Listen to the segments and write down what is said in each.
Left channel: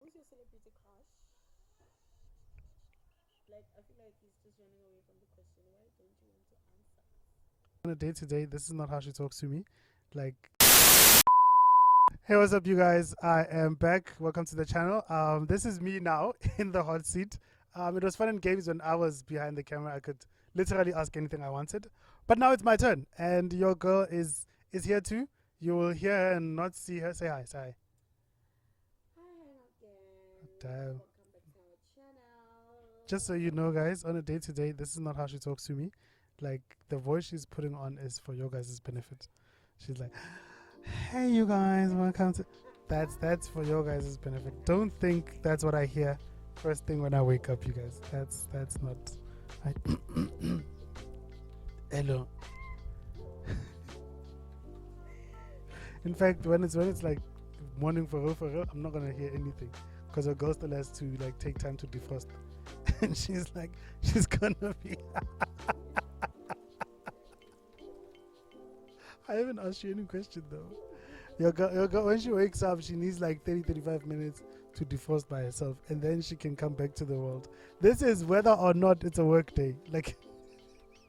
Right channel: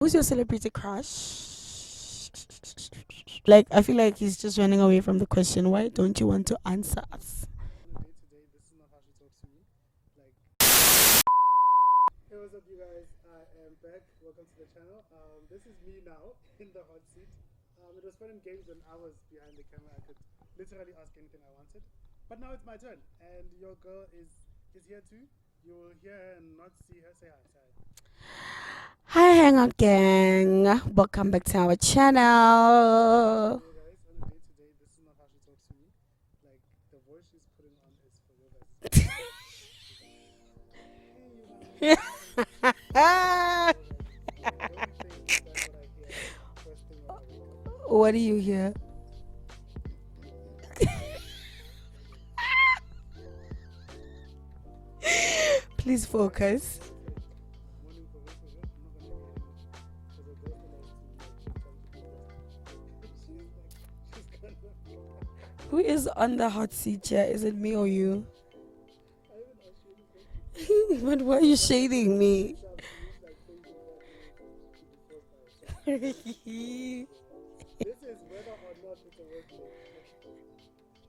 Who's your celebrity crush? Like, I feel like he's just running away from the question. Why don't you want to answer us? On a day to day, this is not how she talks to me. Like, hey, what's up, you guys? I am back. Welcome to the channel. This is me now in the hot seat. It was fun and games when I was behind the camera. I could literally ask anything I wanted, but now it's my turn, and your girl is here too. You will hear her and not see her. Say hi. Say hi. Hi, Hangout Gang. Welcome back to our channel. Just so you know, guys, on a day to day, this is not how she talks to me. Like, the voice she's putting on is for your guys' benefit. She's like, hey, you guys, welcome to that's for your guys' benefit. Don't think that's what I hear first thing when I wake up, you guys. What do you hear? That's not. Hello. Please In fact, focus. when it's like morning for her, I'm not gonna hear anything because her girl still has to like take time to defrost, and she's gonna be. Who is on the hot seat here? Is it me or you? I haven't asked you any question though. But why are you shading when she me? wakes up, she needs like 35 minutes to defrost by herself, and then she can come back to the world. This is whether or not it's a work day. Like,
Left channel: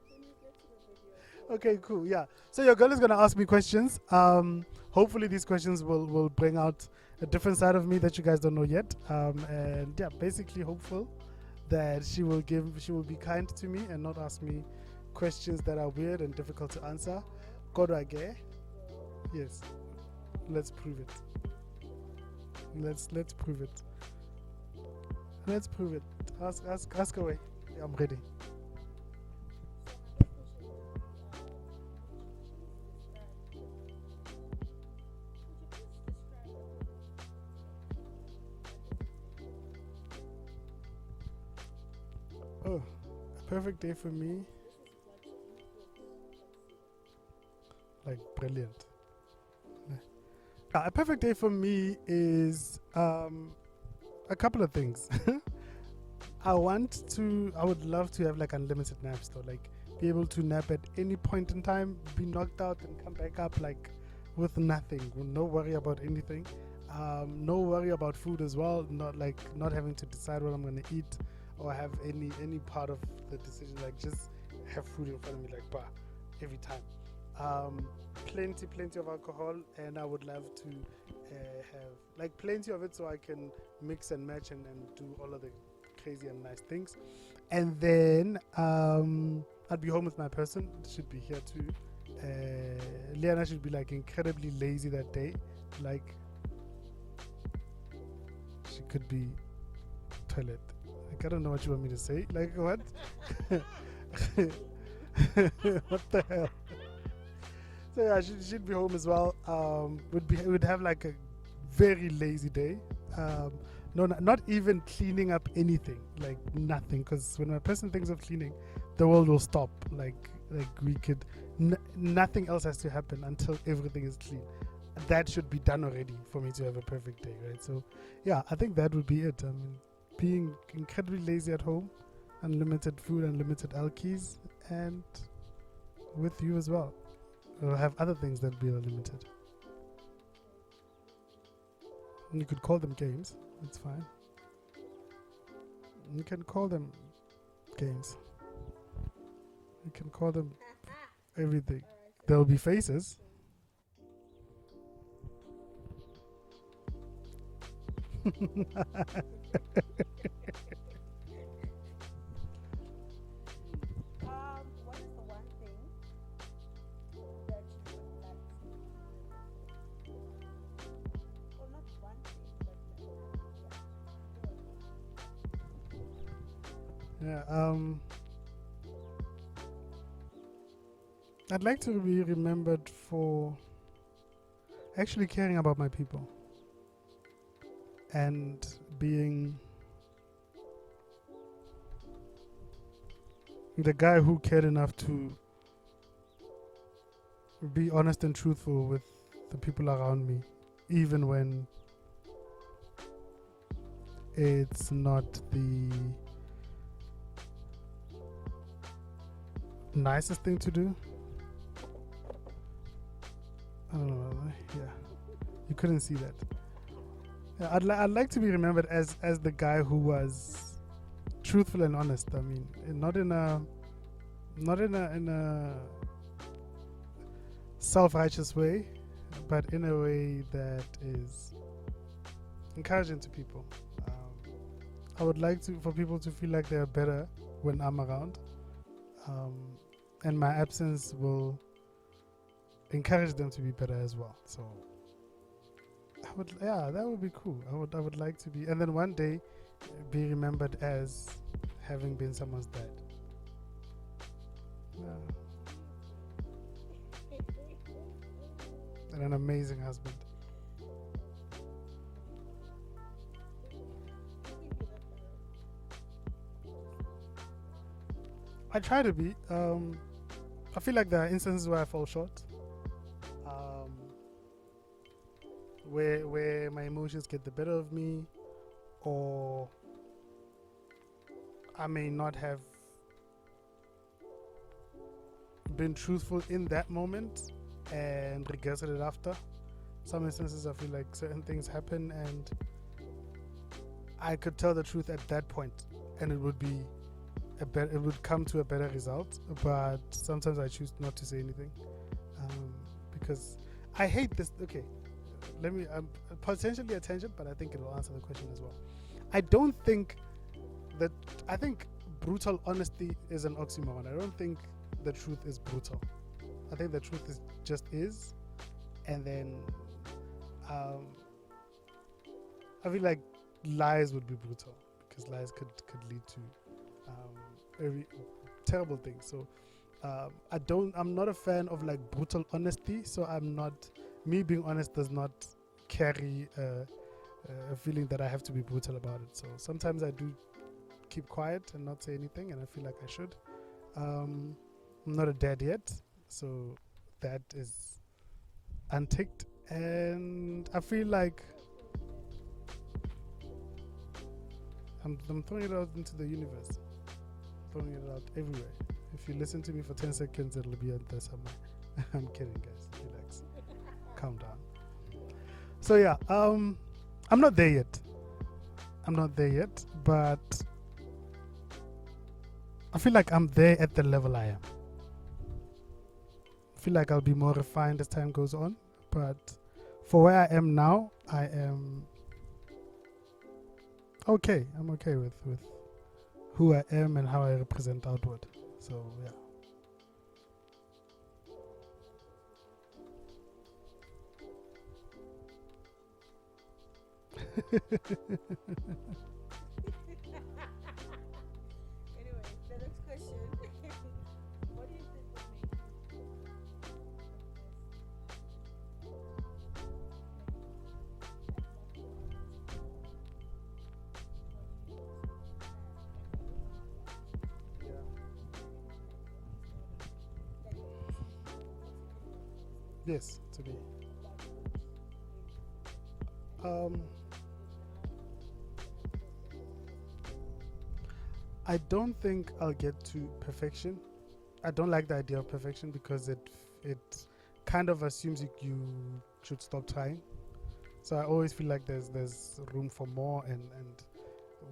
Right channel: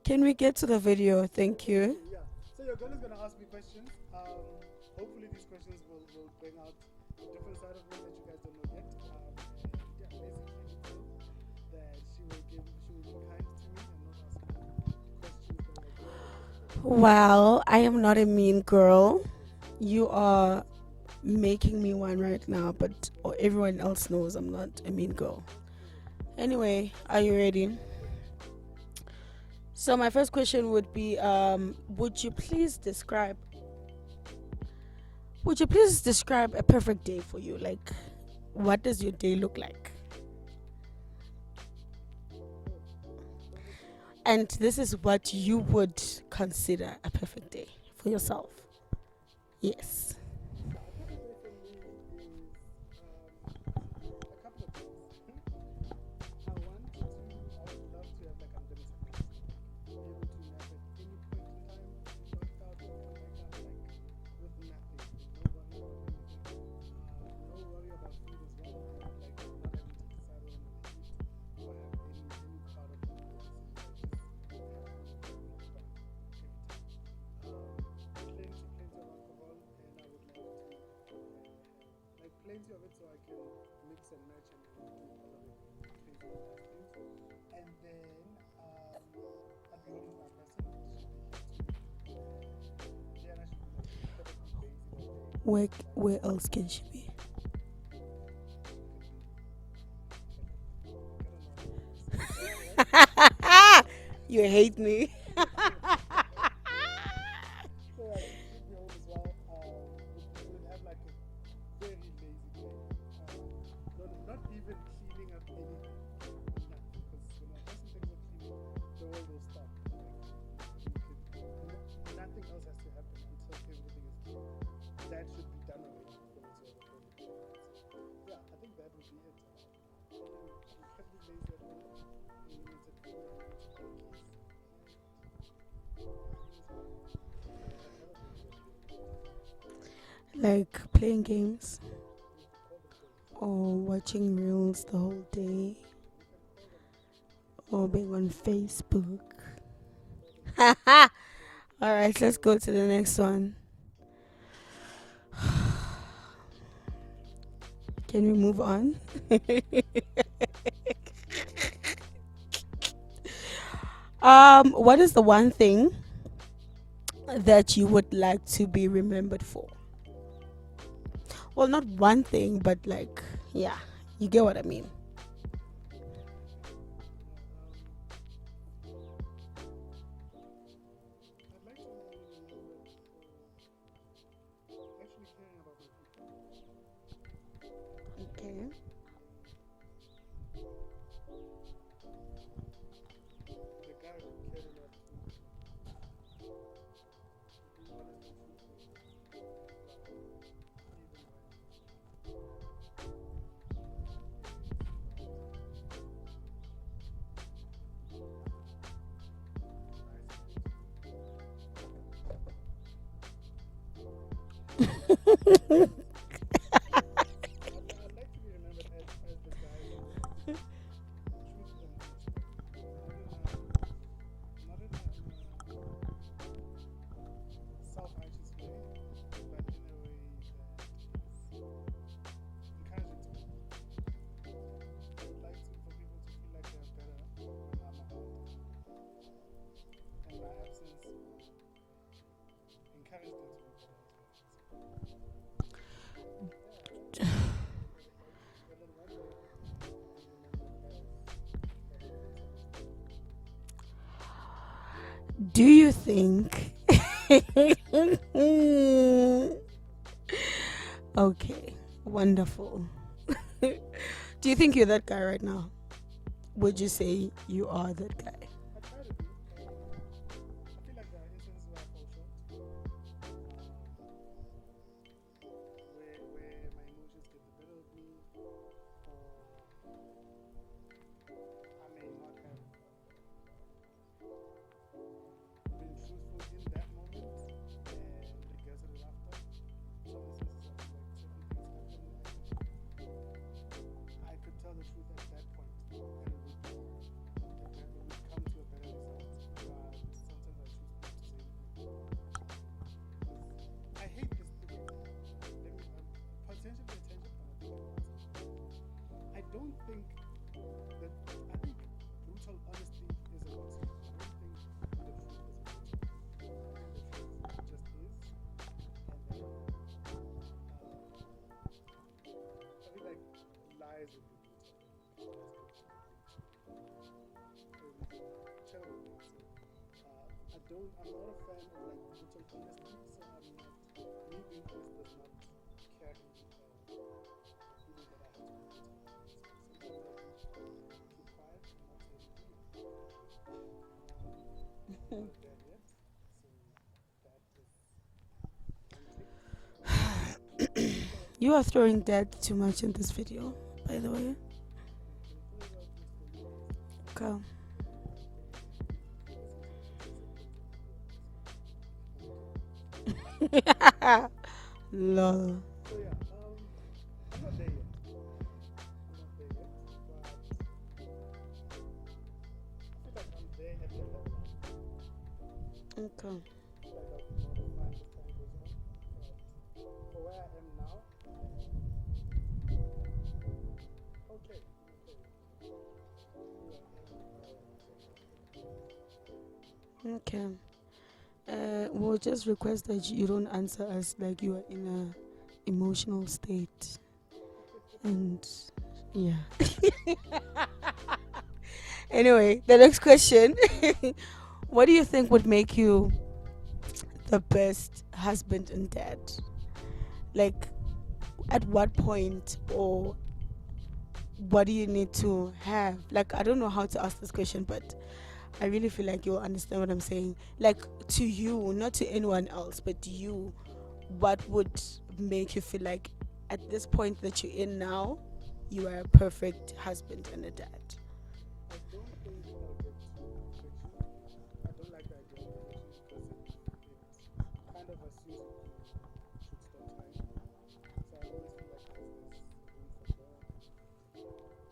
Can we get to the video? Thank okay, you. cool, yeah. So your girl is gonna ask me questions. Hopefully these questions will bring out a different side of me that you guys don't know yet. And yeah, basically hopeful that she will be kind to me and not ask me questions that are weird and difficult to answer. Well, I am Alright. not a mean girl. Yes, You are let's prove it. making me one right now, but Let's prove everyone else knows I'm not a mean girl. Let's prove it. Anyway, ask are you away. ready? I'm ready. So my first question would be, would you please describe a perfect day for you? Like, what does your day look like? Oh, perfect day for me. And this is what you would consider a perfect day for yourself. Brilliant. Yes. A perfect day for me is a couple of things. I would love to have like unlimited naps though, like be able to nap at any point in time, be knocked out and come back up like with nothing, with no worry about anything, no worry about food as well, not having to decide what I'm gonna eat or have any part of the decision, like just have food in front of me like bah every time. Plenty of alcohol, and I would love to have like plenty of it so I can mix and match and do all of the crazy and nice things. And then I'd be home with my person. Should be here too. Liana should be like incredibly lazy that day. Where else can she be? She could be toilet. Like, I don't know what you want me to say. Like what? You hate me. What the hell? So yeah, she'd be home as well. Would have like a very lazy day. No, not even cleaning up anything, like nothing. Because when a person thinks of cleaning, the world will stop. Like we could, nothing else has to happen until everything is clean. That should be done already for me to have a perfect day, right? So yeah, I think that would be it. I mean, being incredibly lazy at home, unlimited food, unlimited alkies, and with you as well. We'll have other things that will be unlimited. Like playing games You could call them games. or That's fine. watching reels the whole day You can call them. or Games. being on Facebook. You can call them All everything. right, let's There'll go be to the faces. next one. Can we move on? What is the one thing that you would like to be remembered for? Well, not one thing, but like, yeah, you get what I mean. Yeah. I'd like to be remembered for actually caring about my people and Okay. being the guy who cared enough to be honest and truthful with the people around me, even when it's not the nicest thing to do. I don't know. You couldn't see that. I'd like to be remembered as the guy who was truthful and honest. I mean, and not in a self-righteous way, but in a way that is encouraging to people. I would like for people to feel like they are better when I'm around, and my absence will encourage them to be better as well. So, that would be cool. I would like to be, and then one day be remembered as having been someone's dad. Do you think? An amazing husband. Okay, wonderful. Do you think you're that guy right now? Would you say you are that guy? I try to be. I feel like there are instances where I fall short. Where my emotions get the better of me, or I may not have been truthful in that moment and regretted it after. Some instances I feel like certain things happen and I could tell the truth at that point and it would be it would come to a better result, but sometimes I choose not to say anything because I hate this. Okay, let me potentially a tangent, but I think it will answer the question as well. I think brutal honesty is an oxymoron. I don't think the truth is brutal. I think the truth is, and then I feel like lies would be brutal because lies could lead to very terrible things. So I'm not a fan of like brutal honesty. So me being honest does not carry a feeling that I have to be brutal about it. So sometimes I do keep quiet and not say anything, and I feel like I should. I'm not a dad yet, so that is unticked. And I feel like you are throwing dad too much in this video, by the way. I'm throwing it out into the universe. Okay. Throwing it out everywhere. If you listen to me for 10 seconds, it'll be out there somewhere. I'm kidding, guys. Calm down. Lol. So yeah, I'm not there yet. But I feel like I'm there at the level I am. Okay. I feel like I'll be more refined as time goes on, but for where I am now, I am okay. I'm okay with who I am and how I represent outward. So yeah. Okay. We'll just request that you don't answer us like you are in a emotional state. And yeah. Anyway, the next question. What do you think would make you the best husband and dad? Like, at what point, or what do you need to have? Like, I don't know how to ask this question, but I really feel like you'll understand what I'm saying. Like, to you, not to anyone else, but to Yes, you, to me. what would make you feel like at this point that you're in now, you are a perfect husband and a dad? I don't think I'll get to perfection. I don't like the idea of perfection because it kind of assumes you should stop trying. So I always feel like there's room for more and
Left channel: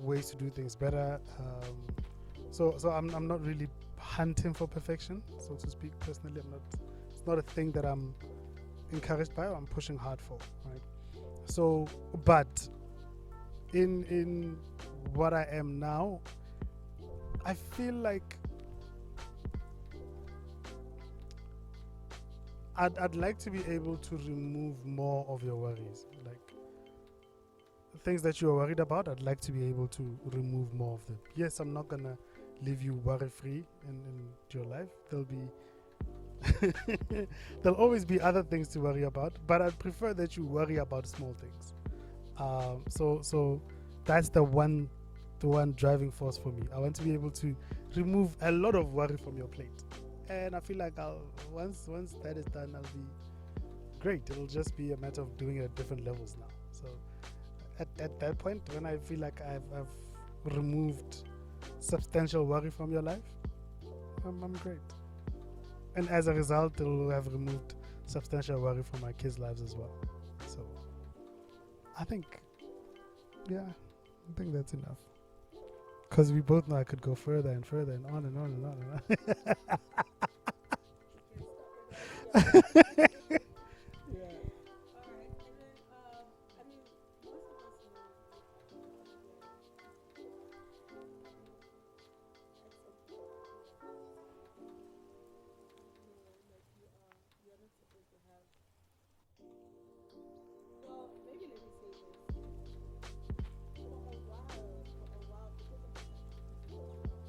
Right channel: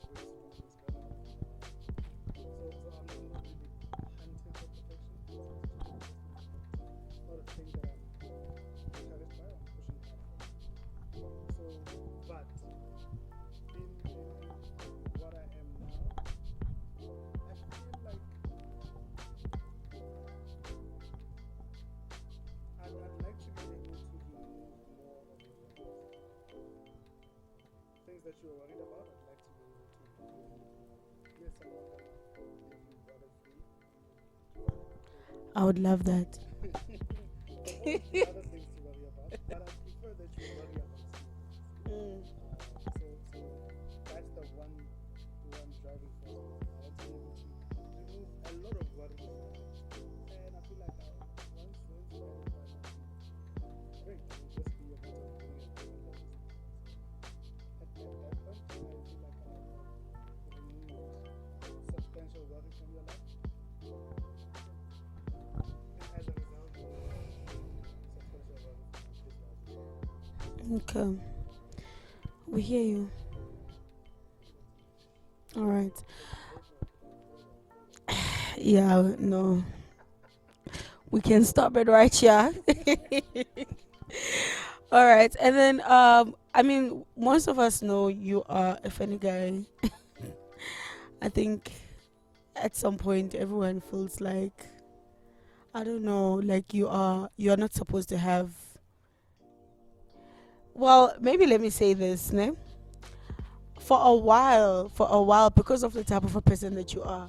ways to do things better. So I'm not really hunting for perfection, so to speak. Personally, it's not a thing that I'm encouraged by or I'm pushing hard for. Right? So, but in what I am now, I feel like I'd like to be able to remove more of your worries, like things that you are worried about. I'd like to be able to remove more of them. Yes, I'm not gonna leave you worry-free in your life. I would love that. There'll always be other things to worry about, but I'd prefer that you worry about small things. So that's the one driving force for me. I want to be able to remove a lot of worry from your plate, and I feel like once that is done, I'll be great. It'll just be a matter of doing it at different levels now. So at that point, when I feel like I've removed substantial worry from your life, I'm great. And as a result, it will have removed substantial worry from my kids' lives as well. So Okay. I think, We hear you. yeah, I think that's enough. All right. Because we both know I could go further and further and on and on. Yeah, no. We can stop it right here. All right. And then I mean, most of us know you are a funny guy. I think at some point everyone feels like, I don't know, like you're not supposed to have, well, maybe let me say this, ne? For a while, because of the type of a person that you are,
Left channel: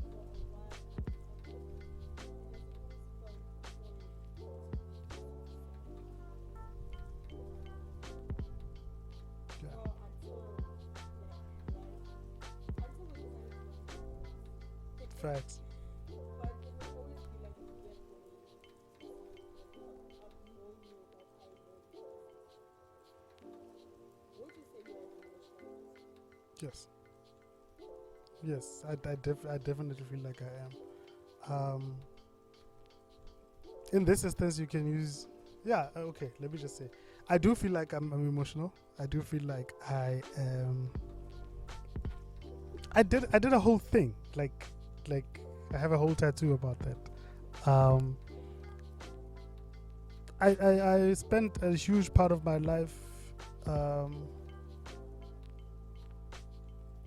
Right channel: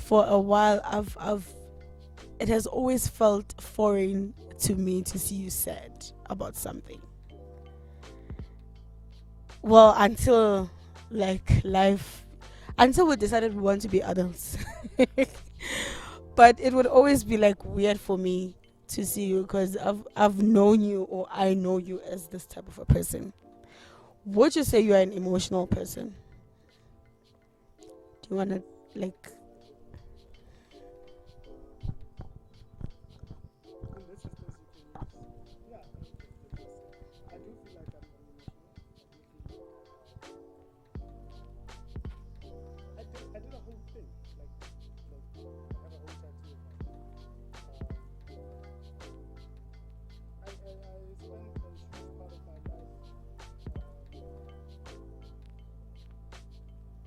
for a while I've it has always felt foreign to me to see you sad about something. Well, until like life, until we decided we want to be adults. Right. But it would always be like weird for me to see you because I've known you, or I know you as this type of a person. Would you say you are an emotional person? Yes. Do you wanna Yes, I definitely feel like I am. In this instance, you can use. Yeah. Okay. Let me just say, I do feel like I'm emotional. I do feel like I am. I did a whole thing. Like I have a whole tattoo about that. I spent a huge part of my life um,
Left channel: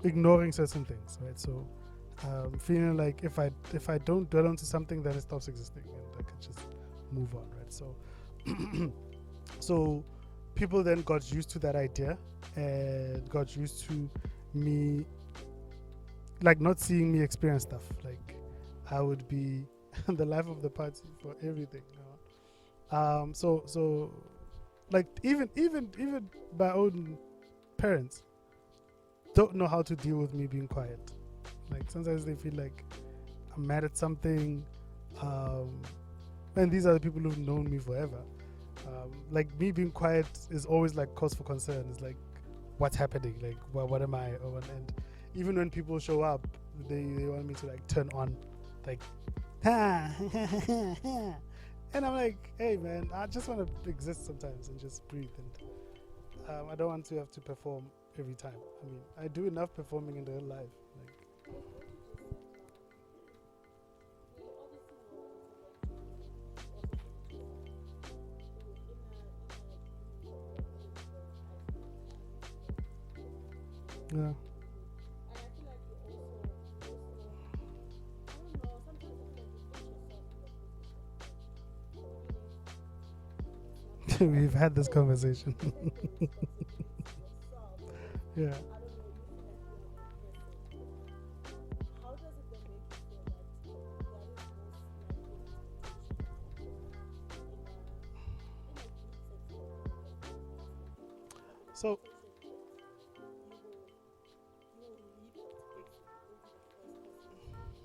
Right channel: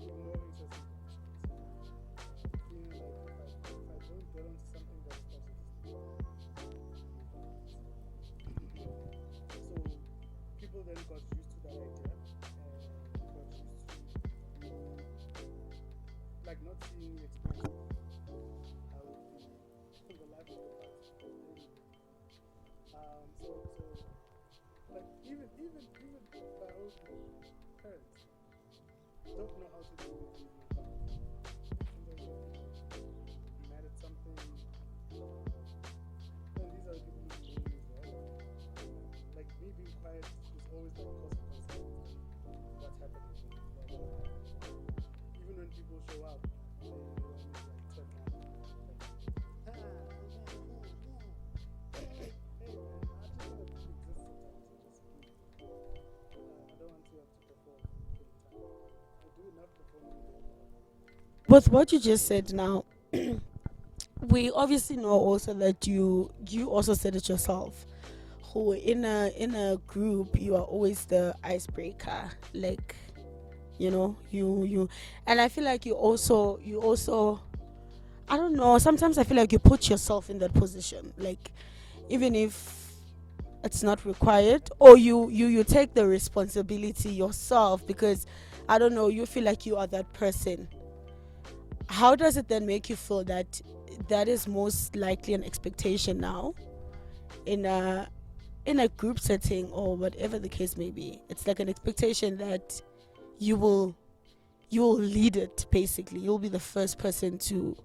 ignoring certain things, right? So feeling like if I don't dwell onto something, then it stops existing, and I can just move on, right? So so people then got used to that idea and got used to me, like, not seeing me experience stuff. Like I would be the life of the party for everything. So like even my own parents don't know how to deal with me being quiet. Like sometimes they feel like I'm mad at something, and these are the people who've known me forever. Like me being quiet is always like cause for concern. It's like, what's happening? Like what am I? And even when people show up, they want me to like turn on, like, and I'm like, hey man, I just want to exist sometimes and just breathe. And I don't want to have to perform every time. I mean, I do enough performing in real life. Like, With what you just said now, we obviously know also that you also said it yourself. Who in a group you are always the icebreaker, like, Yeah. you and I feel like you also I don't know, sometimes I feel like you put yourself in that position, like even if it's not We've required, had this or you conversation. take the responsibility yourself because Yeah. I don't know, you feel like you are that person. How does it then make you feel that that is most likely an expectation now in a group setting or whatever the case may be? It's like an expectation that you will lead it, basically. You'll be the first person to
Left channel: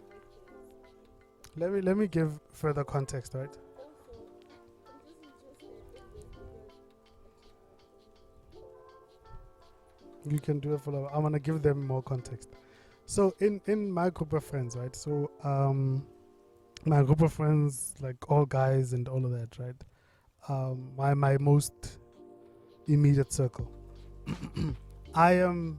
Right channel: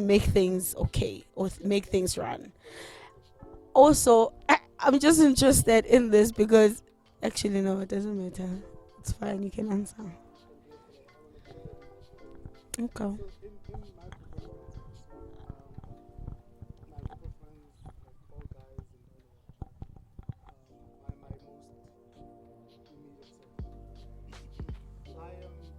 make things okay, or Let make me things give run. further context, right? Also, I'm just interested in this because actually no, it doesn't matter. It's fine, you can answer. You can do a follow. I want to give them more context. Okay. So in my group of friends, right? So my group of friends, like all guys and all of that, right? My most immediate circle. I am.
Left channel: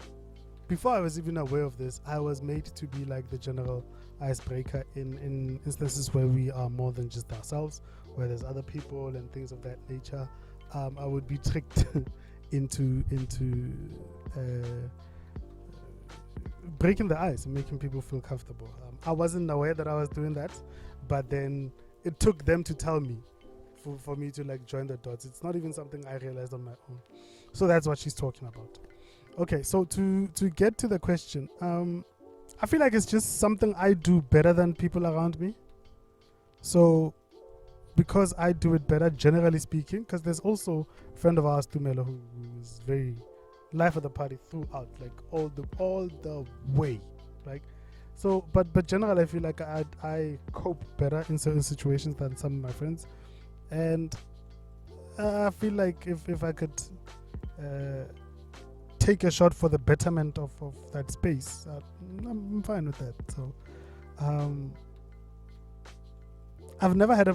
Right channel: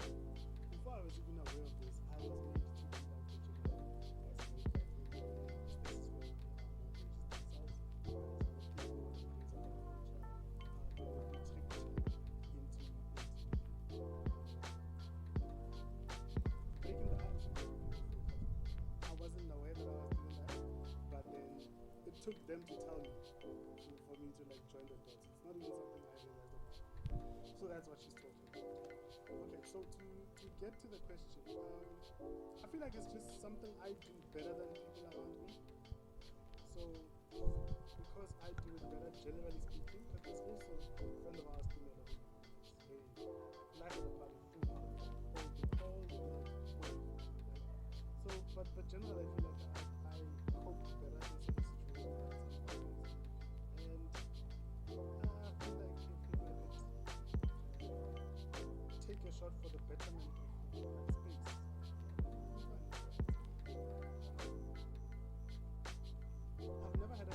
Before I was even aware of this, I was made to be like the general icebreaker in instances where we are more than just ourselves, where there's other people and things of that nature. I would be tricked into breaking the ice and making people feel comfortable. I wasn't aware that I was doing that, but then it took them to tell me for me to like join the dots. It's not even something I realized on my own. So that's what she's talking about. Okay, so to get to the question, I feel like it's just something I do better than people around me. So because I do it better, generally speaking, because there's also a friend of ours, Tumelo, who is very life of the party throughout, like all the way, like. So, but generally, I feel like I cope better in certain situations than some of my friends, and I feel like if I could take a shot for the betterment of that space, I'm fine with that. So, I've never had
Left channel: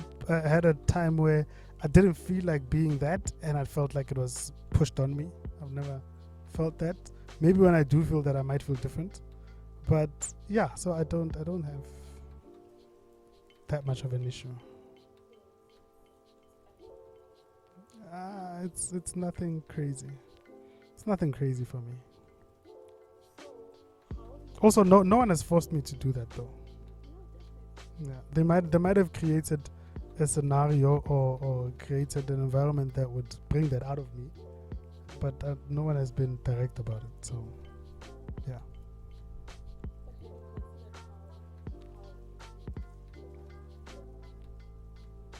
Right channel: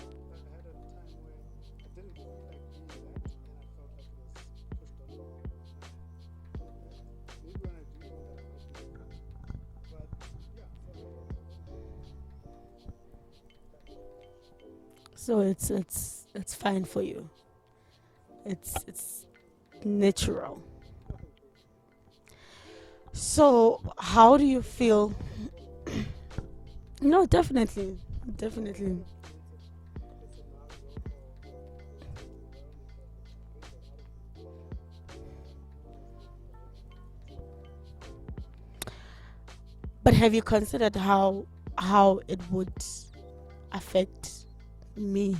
a time where I didn't feel like being that, and I felt like it was pushed on me. I've never felt that. Maybe when I do feel that, I might feel different. But yeah, so I don't have that much of an issue. So it's fine for you. It's nothing crazy. Natural. It's nothing crazy for me. So how do you Also, feel? no one has forced me to do that though. No, definitely. Yeah, they might have created a scenario or created an environment that would bring that out of me, but no one has been direct about it. So yeah. But have you considered how it would affect me?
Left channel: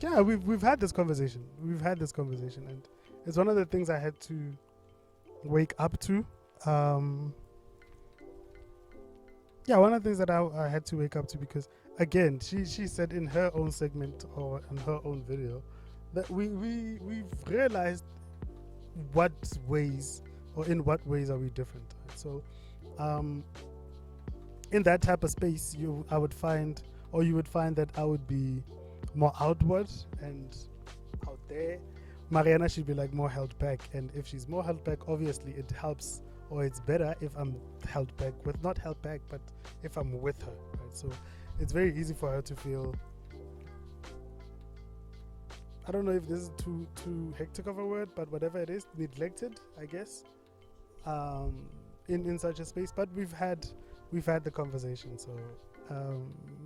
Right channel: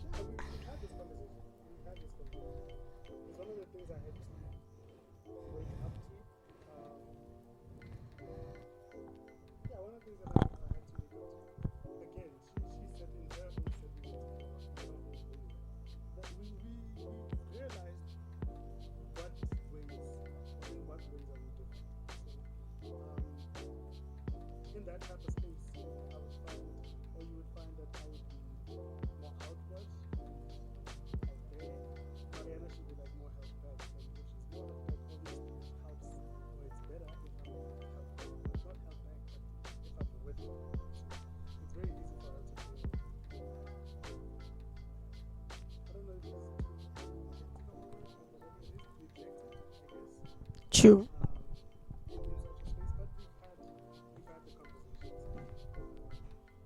Yeah, we've had this conversation. And it's one of the things I had to wake up to. Yeah, one of the things that I had to wake up to, because again, she said in her own segment or in her own video that we've realized what ways or in what ways are we different. So in that type of space, you would find that I would be more outward and out there. Mariana should be like more held back, and if she's more held back, obviously it helps, or it's better if I'm held back with, not held back, but if I'm with her, right? So it's very easy for her to feel, I don't know if this is too hectic of a word, but whatever it is, neglected, I guess. True. In such a space, but we've had the conversation, so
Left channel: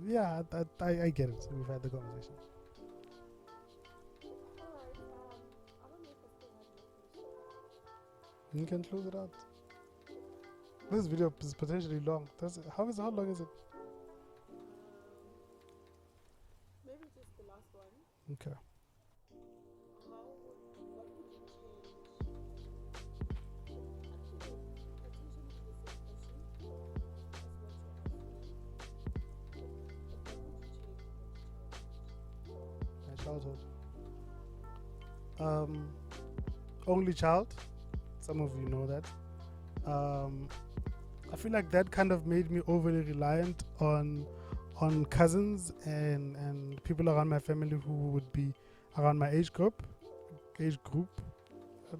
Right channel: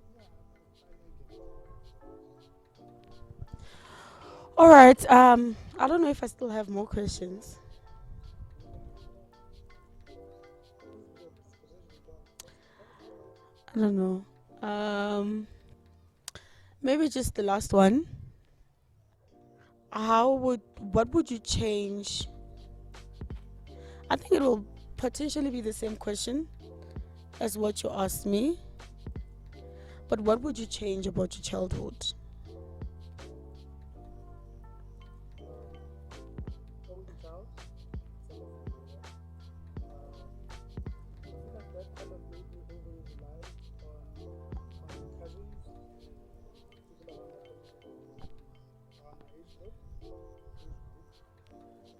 yeah, I get it. So we've had the conversation. All right. I don't know if I still have more questions. You can close it out. This video is potentially long. How long is it? I don't know. Maybe just the last one. Okay. What would you change? I think it will potentially be the same question as what you asked me. But what would you change about your childhood? My childhood. Only child. Some of you know that. I feel like that kind of made me overly reliant on cousins and people around my family who would be around my age group.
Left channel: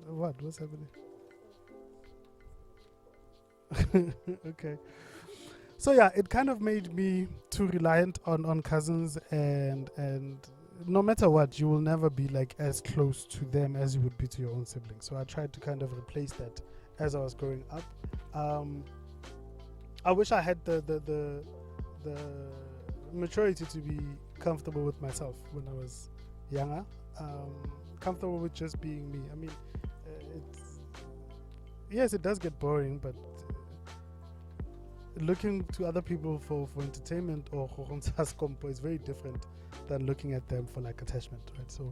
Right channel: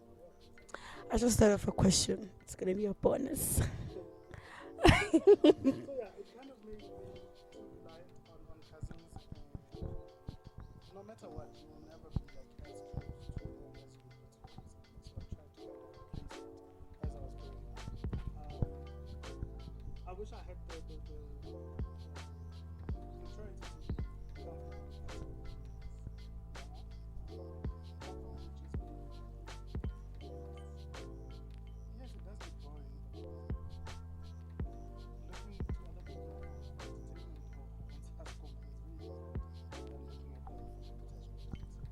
What's happening? I just thought of a question. It's gonna be a bonus. Okay. So yeah, it kind of made me too reliant on cousins, and no matter what, you will never be like as close to them as you would be to your own siblings. So I tried to kind of replace that as I was growing up. I wish I had the maturity to be comfortable with myself when I was younger. Comfortable with just being me. I mean, yes, it does get boring, but looking to other people for entertainment or is very different than looking at them for like attachment, right? So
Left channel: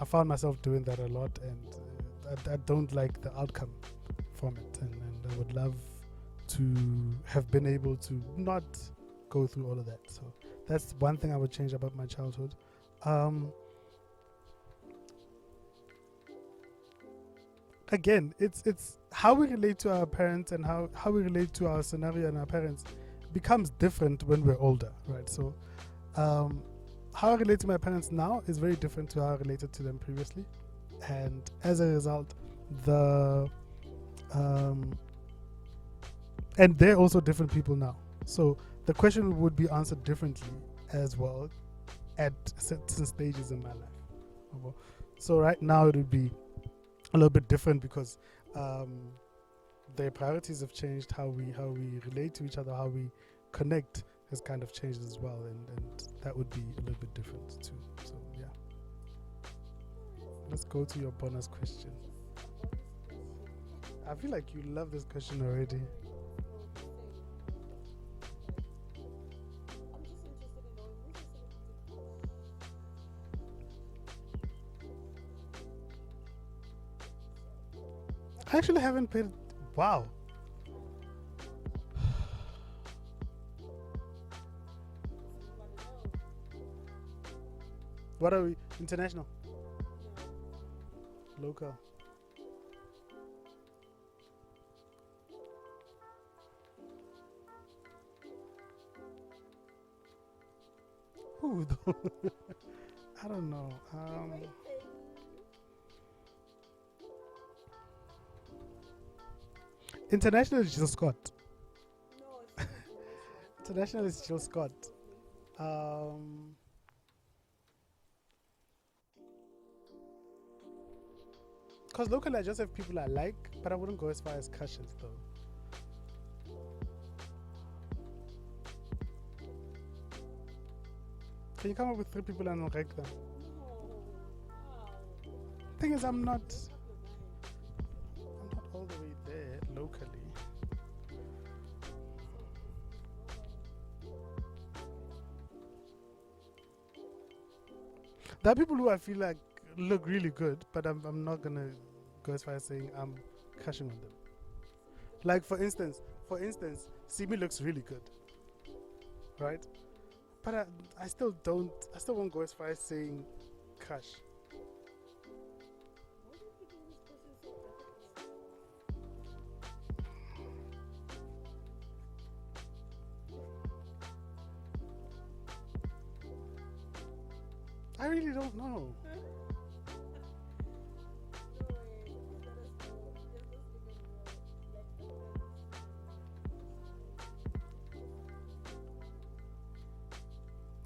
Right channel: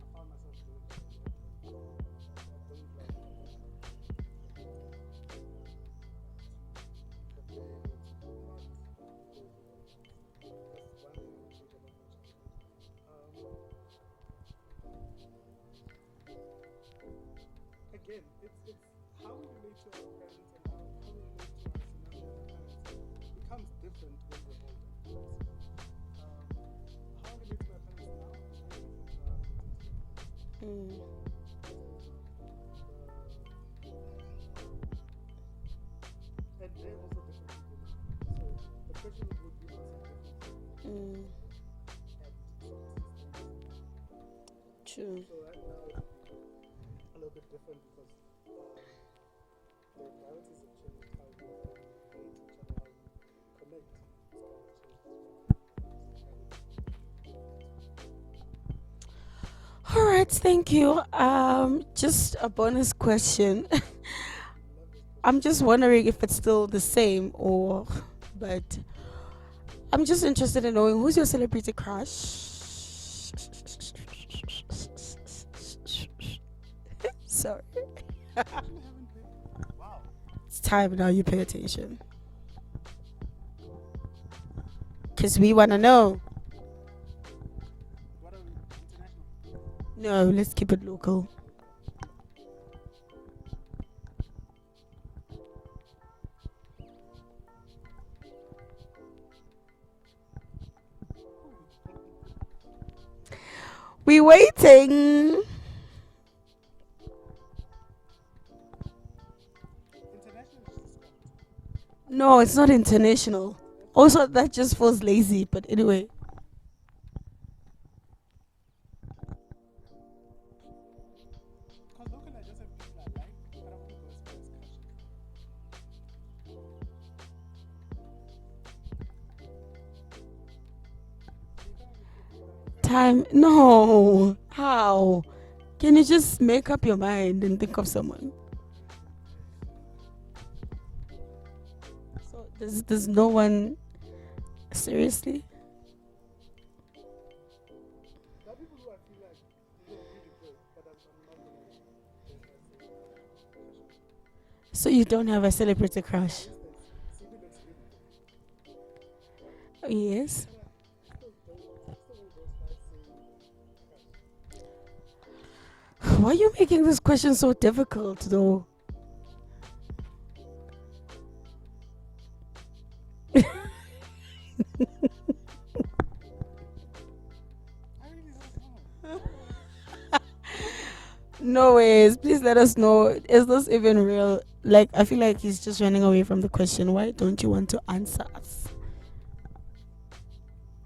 I found myself doing that a lot, and I don't like the outcome from it, and I would love to have been able to not go through all of that. So that's one thing I would change about my childhood. Again, it's how we relate to our parents and how we relate to our scenario and our parents becomes different when we're older, right? So how I relate to my parents now is very different to how I related to them previously, and as a result, and they're also different people now, so the question would be answered differently as well at certain stages in my life. True. So right now it would be a little bit different because their priorities have changed. How we relate to each other, how we connect has kind of changed as well, and that would be a little bit different too. So yeah. All right, thank you. Just a bonus question. I feel like you love this question. I'm just already. wondering if it's still the same but I'm just interested in knowing who's your celebrity crush. Sorry. I actually haven't paid. Wow. It's time now you pay attention. Because we want to know. What are we? International? No, let's keep it local. Local? Who though? I don't know. We waiting. International is just Scott. No, it's not international. International Also, is that just Scott. feels lazy. But anyway, Because locally I just have people I like, but I wouldn't go as far as Cushions though. Can you come up with 3 people I know? Like, time. No. How? Can you I'm just not- make up your mind and think of someone? I'm not all the way there locally. So there's no one. Seriously? There are people who I feel like look really good, but I'm not gonna go as far as saying I'm crushing on them. So you don't Like, have a for celebrity instance- crush? For instance, Simi looks really good, right? Yes. But I still don't. I still won't go as far as saying crush. Why are you making this question so difficult, though? I really don't know. No ways. Please let us know. Is this even real? Like, I feel like he's just running away from the question. Why don't you want to answer us?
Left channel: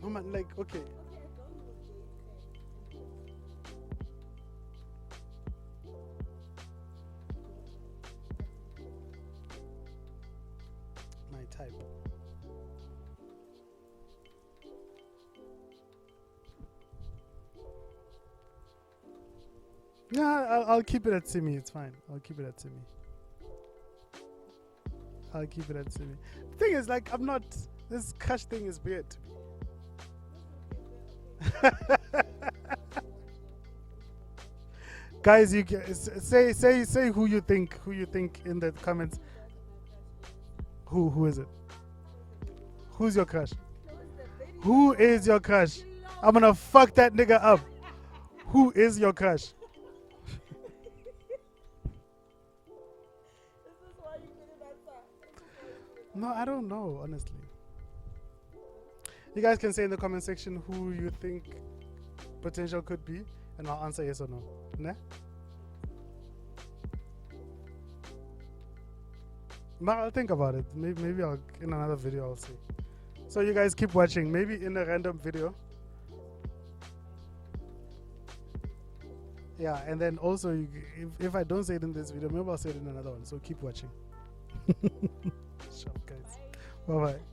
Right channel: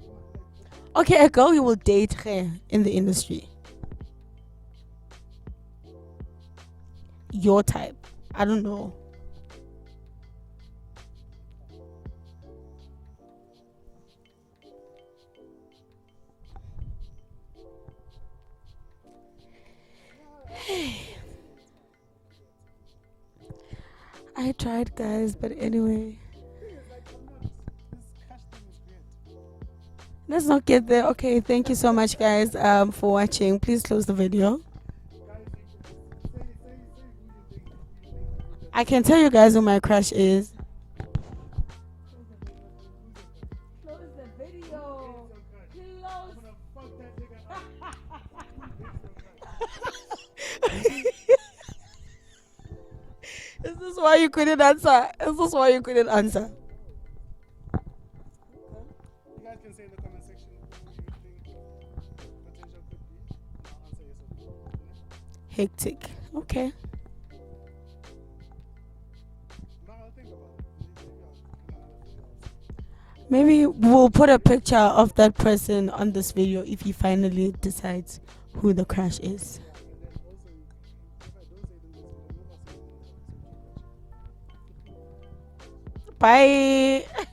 No man, like okay. Okay, a girl you will date her in the industry. Your type. I don't know. My type. Yeah, I'll keep it at Simi. It's fine. I'll keep it at Simi. I tried, guys, I'll but keep it at anyway. Simi. Thing is, like, I'm not. This crush thing is weird. Let's not get there. Okay, thank you so much, guys, for watching. Please close the video. Guys, you say who you think in the. I can comment- tell you guys who my crush is. Who is it? Who's your crush? Who is your crush? I'm gonna fuck that nigga up. Who is your crush? Is this why you couldn't answer? Is this why you couldn't No, I answer? don't know, honestly. You guys can say in the comment section who you think potential could be, and I'll answer yes or no. Nah? Hectic. Okay. I'll think about it. Maybe I'll in another video I'll see. So Maybe you guys keep we'll watching. put a Maybe in picture random of that video. person on this video if he finally decides who the crush is. Yeah, and then also if I don't say it in this video, maybe I'll say it in another one. So keep watching. Sure, okay. Bye. Bye-bye.